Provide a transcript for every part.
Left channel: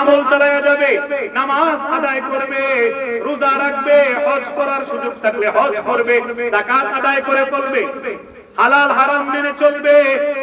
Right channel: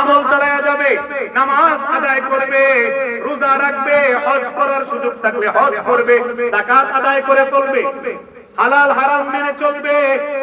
আমল চালায়া যাবে, নামাজ আদায় করবে, রোজা রাখবে, হজ করার সুযোগ থাকলে হজ করবে, যাকাত আদায় করে চলবে, হালাল হারাম মেনে চলবে,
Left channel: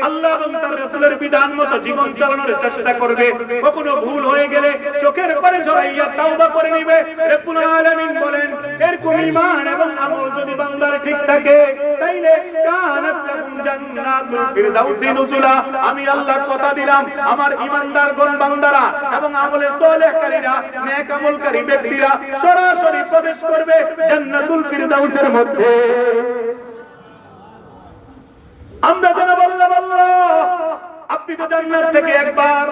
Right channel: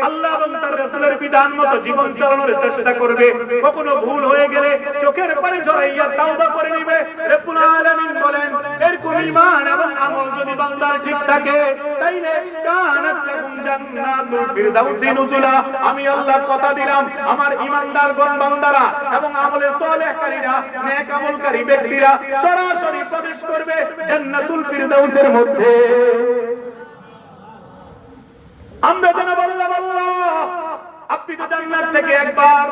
আল্লাহ এবং তার রাসূলের বিধান মতো জীবন চালানোর চেষ্টা করবে। কখনো ভুল হয়ে গেলে চোখের পানি ঝরাইয়া তাওবা করে নিবে। রব্বুল আলামিন বলেন, এরকম ঈমান এবং আমল যদি বান্দার ঠিক থাকে, তাইলে কানাত লাহুম জান্নাতুল ফিরদাউসি নুজুলা। আমি আল্লাহ কথা দিলাম, আমার ঈমানদারগণ বান্দারা এবং আমলে সালেহকারীরা, নেক আমলকারী ব্যক্তিরা সরাসরি প্রবেশ করবে জান্নাতুল ফিরদাউসের মধ্যে। আমরা যেন বললাম, আল্লাহ আপনি তো জান্নাত থেকে একবার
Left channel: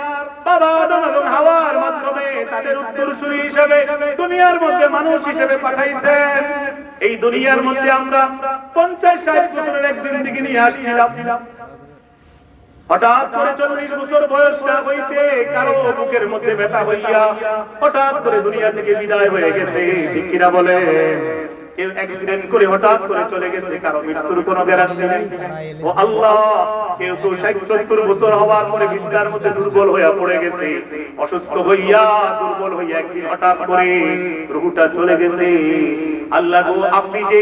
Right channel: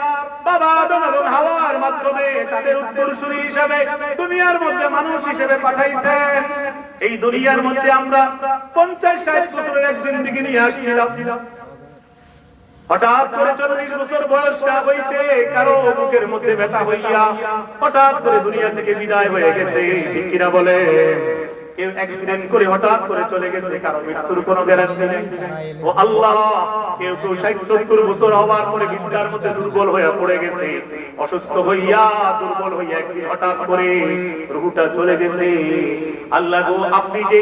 বাবা আদম এবং হাওয়ার মাধ্যমে তাদের উত্তরসূরি হিসেবে দুনিয়ার মধ্যে মানুষ হিসেবে পাঠাইছেন। এই দুনিয়ার মধ্যে আমরা 50-60 বছরের এক জিন্দেগি নিয়ে আসছিলাম। হঠাৎ করে 40 বছর বয়স না হইতে কারো বুকের মধ্যে ব্যথা হইয়া হঠাৎ করে দুনিয়া থেকে বিদায় হয়ে গেছে, ঠিক কিনা বলে? কেউ অ্যাক্সিডেন্ট করে হঠাৎ করে চলে গেছে, কারো মৃত্যুর কোনো গ্যারান্টি নেই। ও আল্লাহ, কেউ তো 60-70 বছর হওয়ার পরে বিছানার মধ্যে দুর্বল হয়ে পড়ে গেছে, অসুস্থ হইয়া দুর্বল হইয়া একদিন হঠাৎ করে রূহটা চলে গেছে। আল্লাহ গো, আপনি যে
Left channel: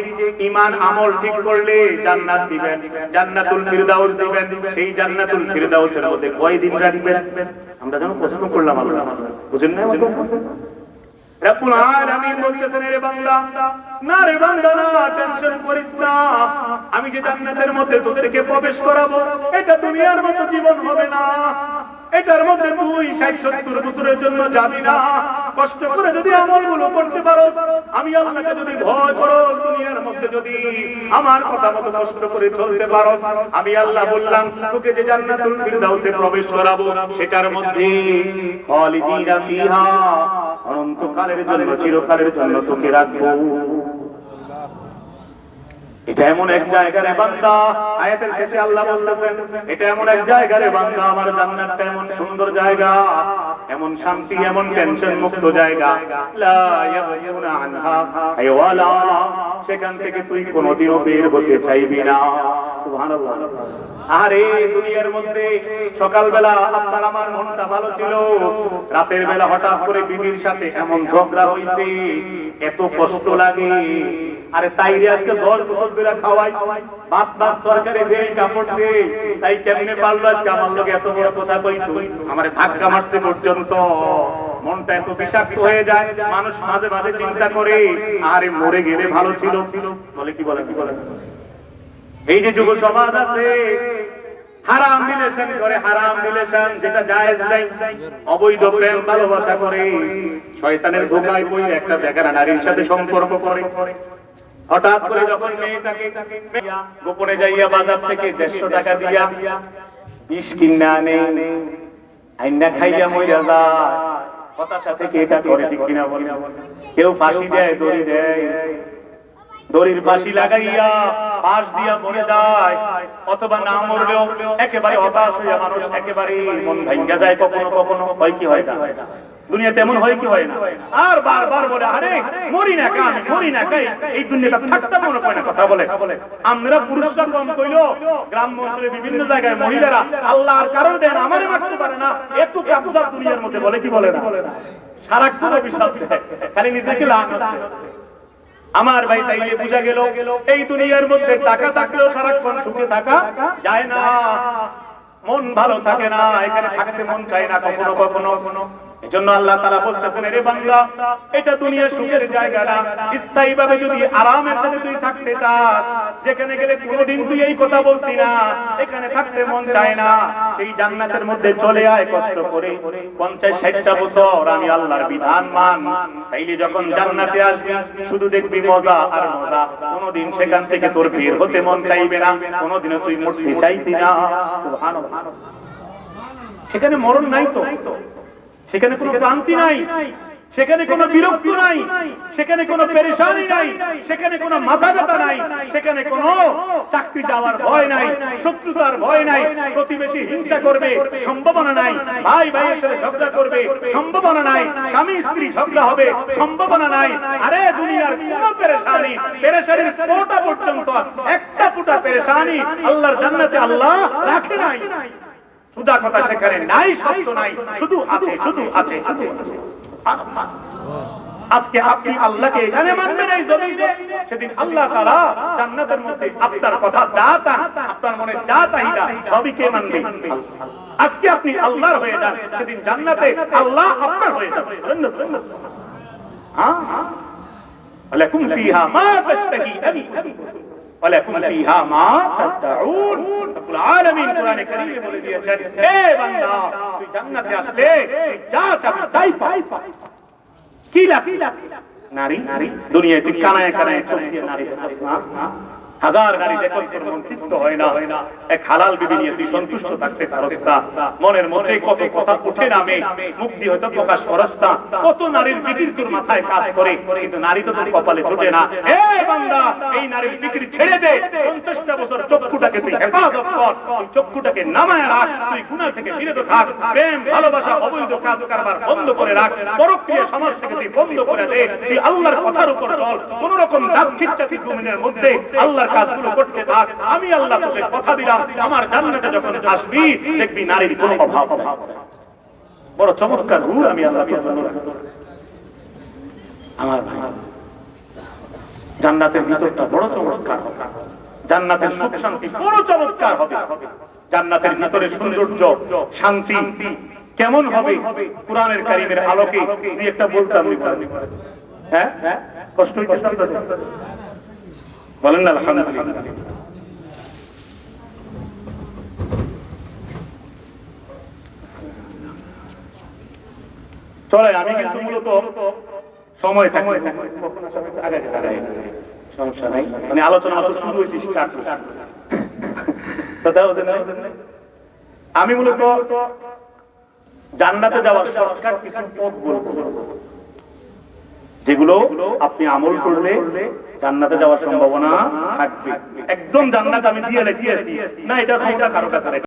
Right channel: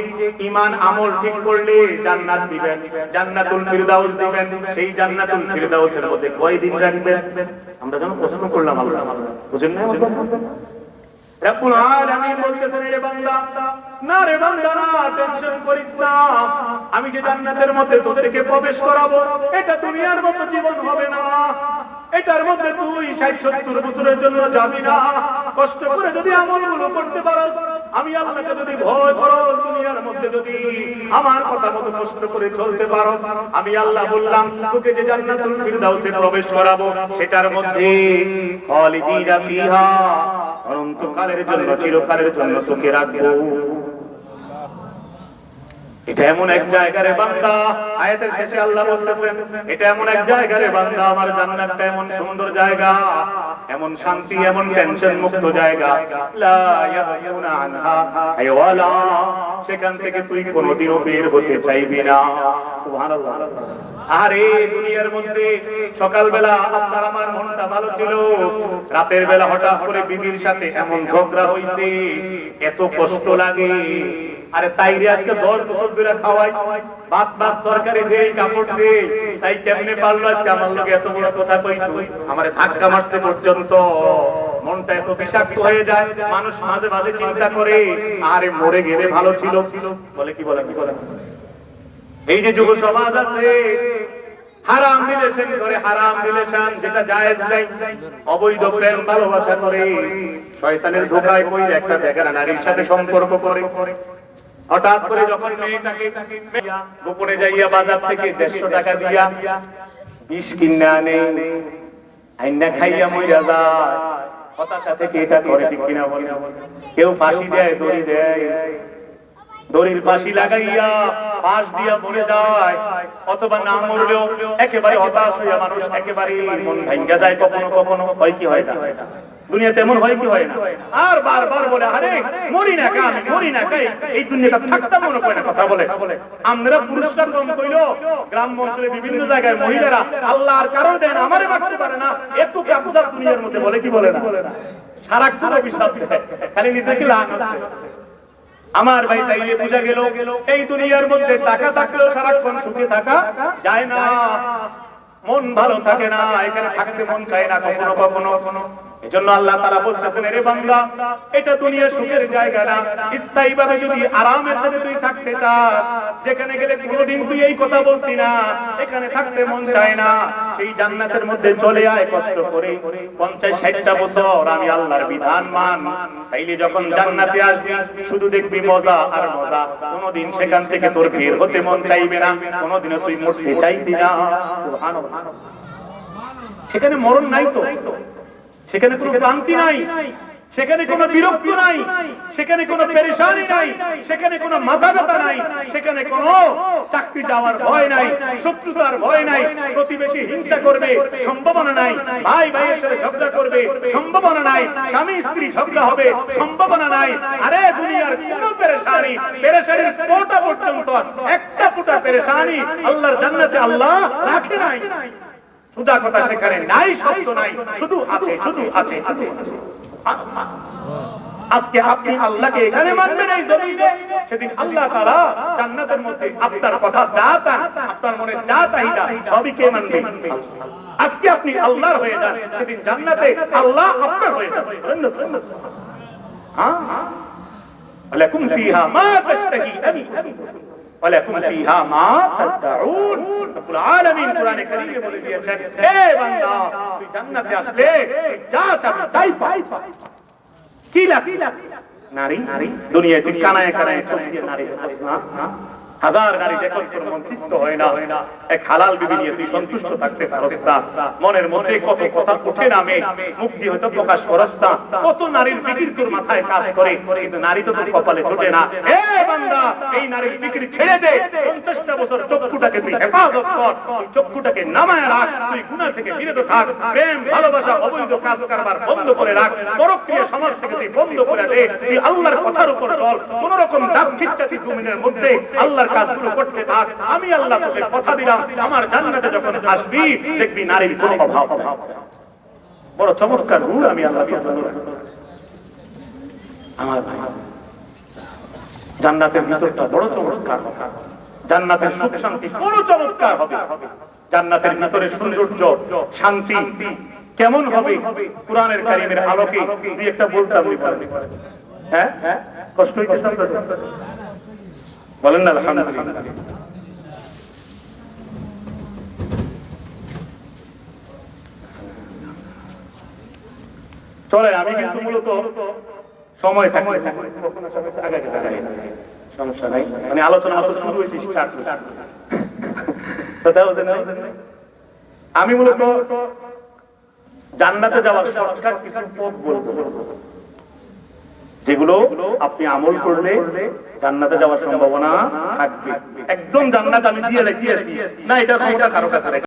ঈমান আমল ঠিক করলে জান্নাত দিবেন, জান্নাতুল ফিরদাউস দিবেন, সেই জান্নাতুল ফিরদাউসের মধ্যে কয়দিন রাখবেন? আমরা যেন প্রশ্ন করলাম, আল্লাহ বুঝেন না? রব্বুল আলামিন বলতেছেন, রে বান্দা, না রে বান্দা, না টেনশন করিস না, আমি যে জান্নাতের মধ্যে তোদেরকে প্রবেশ করাবো, এটা দুনিয়ার মতো জীবন হবে না। এটার মধ্যে তুই 60-70 বছরের জন্য যাবি না। কষ্ট করে যদি আমলগুলো করতে পারোস, আমি আল্লাহকে যদি ভয় করোস, দুনিয়ার মধ্যে যদি আমার কথা মতো কষ্ট করে চলতে পারোস, আমি আল্লাহ বললাম তোকে যে জান্নাতুল ফিরদাউসে প্রবেশ করাবো, সেটার মধ্যে খালিদিনা ফিহা, অনন্তকালের জন্য, চিরকালের জন্য তোকে রাখবো। এটা এমন এক জায়গা রে বান্দা, আয়াতের শেষে আল্লাহ বলতেছেন, এটা এমন এক জায়গা রে বান্দা, আমার জান্নাতটা এমন সুন্দর জায়গা, এমন শান্তি, এমন টেনশন মুক্ত জায়গা, লা ইয়াবগুনা আনহা আইওয়ালা, সেখান থেকে তুই কোনোদিনও বের হতে চাইবি না। সুবহানাল্লাহ। আরে দুনিয়ার মধ্যে সকালবেলা আপনার আমার মনটা ভালো ছিল, রাতের বেলা হঠাৎ করে বিবির সাথে এমন ঝগড়া হইছে, এত কষ্ট লাগে। আরে তাই রে আজকে 10 বছর ধরে খাওয়াই, ভাত ভাত তরকারি দেই, কাপড় দেই, তাই কেমনে পারলো আজকে আমার লগে এত বড় কথা কইতো, আমারে ধাক্কা মারতে পর্যন্ত। মনটা এত বিষাক্ত হয়ে যায়, মানুষ মাঝে মাঝে চিন্তা করে, আরে মরে গেলে ভালো ছিল। বলে কি বলে, কি বলে? এই যে যুব সমাজ আছে, হারাম রিলেশন করে, হারাম রিলেশন যেটা জায়েজ নাই, অবৈধ প্রেম ভালোবাসা করে, শয়তানের ধোঁকায় পড়ে একটা বেগানা নারীর সাথে সম্পর্ক করে। হঠাৎ করে যখন মেয়েটাকে গোপনে যাইয়া বাজার থেকে 150 টাকা দিয়া বিষ কিনে আনে, আইনা খাইয়া মইরা যায়, হতাশা থেকে এটা করে, ঠিক কিনা বলে? কেউ ফাঁসি দেয়, দড়ি দেয়, দড়ির ফাঁসি লাগাইয়া পাশ দিয়া মরে যায়, অথবা না মরলেও একেবারে হতাশ হইয়া মানুষ একেবারে মন ভাঙ্গা যায়। কখনো কখনো হয় কি হয় না, দুনিয়াতে এমন হয় কি হয় না, আর বারবার বলে, আরে মরি না কা, আমি মরি না কাই, এই দুনিয়াটা থাকতে মনে করে না, কথা বলে। আমরা পুরুষরা কম কইলো, গ্রাম অঞ্চলে বিভিন্ন জায়গায় মহিলারা আল্লাহর কারো দেন, আমারে মারতে পারে না, এত কাবজার দুনিয়ার মধ্যে, বলে কি বলে না? সারাক্ষণ অভিশাপ দেয়, খালি নিজেকে লানত। আমার ভাই, তাইলে বুঝা গেল এই দুনিয়ার মধ্যে টাকা থাকলেও সারাক্ষণ সুখে থাকা যায় না, মন ভালো থাকে না, এখানে থাকতে মন চায় না কখনো কখনো। এজন্য আল্লাহ তাআলা বলতেছেন, রে বান্দা, এটা দুনিয়া সুখের জায়গা না, স্থায়ীভাবে যদি আরামের সাথে তুই থাকতে চাস, যেখানে গেলে কোনোদিন তুই এই কথা বলতি না, এখানে থাকতে মন চায় না, সেই জান্নাতের মধ্যে চলে আয় কষ্ট করে 50-60টা বছর আমি আল্লাহর বিধান মান। তাইলে যখন জান্নাতে আসবি শুধু দেখবি মজা আর মজা, কোনোদিন সেখান থেকে তোর বের হতে মন চাইবে না, কোনোদিনও তুই মরতে চাইতি না। সুবহানাল্লাহ। সেখানে মরণ নাই তো, সেখানে কোনো ক্লান্তি নাই, সেখানে কোনো বিরক্ত নাই, সেখানে কোনো পেরেশানি নাই, সেখানে কোনো মাথা ব্যথা নাই, সেখানে কোনো চাকরি যাওয়ার ভয় নাই, শত্রুতার ভয় নাই, প্রতিবেশী হিংসা করবে সম্ভাবনা নাই, ভাই ভাইয়ের সাথে ঝগড়া করবে সম্ভাবনা নাই, স্বামী স্ত্রী ঝগড়া হবে সম্ভাবনা নাই। আরে দুনিয়ার কোনো পেরেশানি, পেরেশানির ফোঁটা পর্যন্ত, একটা ফোঁটা পেরেশানি আল্লাহর জান্নাতে আল্লাহ রাখে নাই। সুদা কথা সেখানে নাই, শব্দ নাই, শুধু আছে, শুধু আছে, শুধু আছে। আজকে আপনি আল্লাহকে এখানে মানবেন এই জমিনে, সেদিন আল্লাহ তাআলা জান্নাতের মধ্যে আপনার কথা যা চান, আপনার মনে যা চাহিদা সবই কে মানবেন? আজকে আপনি আল্লাহর হয়ে যান, সেদিন জান্নাতে আল্লাহ আপনার হয়ে যাবে। হ্যাঁ, ওয়ালাকুম ফিহা মা তাশতাহি আনফুসুকুম ওয়ালাকুম ফিহা মা তাদউন। রব্বুল আলামিন কোরআনে কারীমে বলে দিয়েছেন, হে বান্দা তুই জান্নাতে আসলে তুই যা চাবি তাই পাবি। কি লাগে? নারী, দুনিয়ায় তুই কানায় কানায় চোখ দিয়ে নারী দেখাস না, হাজার নারী দেখল তোর মন তৃপ্ত হয় না, এক হালাল বিবি নিয়ে তুই সন্তুষ্ট থাকতে পারস না, মনের মধ্যে কত কথা উঠে নামে, মুখ দিয়ে হয়তো প্রকাশ করস না, কত নারীর ফিকির তোর মাথায় কাজ করে, কিন্তু নারী তো তোর কপালে জোটে না। হে বান্দা, এই নারীর ফিকির ছেড়ে দে, 50টা বছর চক্ষুটাকে তুই হেফাজত কর, তুই চক্ষুটাকে নামায় রাখ, তুই গুনাহ থেকে বিরত থাক, প্রেম ভালোবাসা অবৈধ কাজ কারবার বন্ধ করে রাখ, পরক্রিয়া সমাজ থেকে তুই বন্ধ করে দে, তুই আল্লাহর কথার উপর চল, কোন রকম দাক্ষিণাত্যী জমিনের মধ্যে আল্লাহর কাজগুলো করতে থাক। আমি আল্লাহ তোকে কথা দিলাম, আমার জান্নাতে যখন আসবি দেখবি নারীর কোনো অভাব হবে না। বড় চমৎকার নূর আমি আল্লাহ আমার জান্নাতের ভিতরটা বড় চমৎকার হবে, জান্নাতের সুখ শান্তি বড় চমৎকার হবে, জান্নাতের ভিতরে সৌন্দর্য শান্তি কেমন হবে কোরআনের কারীমের আলোকে দুই একটা বলতাম। হ্যাঁ, কষ্ট হইতেছে বলেন না? আলহামদুলিল্লাহ। চলে, আমি কিন্তু মূলত সময় থাকলে সমস্যা নাই, মানে আলোচনা মাত্র শুরু হয়েছে, স্টার্ট আমি মূলত জান্নাতে যাওয়ার শর্টকাট কিছু পথ বলবো, যেগুলো আপনি আমল করলে জান্নাতে যাওয়ার সম্ভাবনা থাকবে। একদম জান্নাত আমি দিয়ে দিয়েছি না, এটা কারো কাছে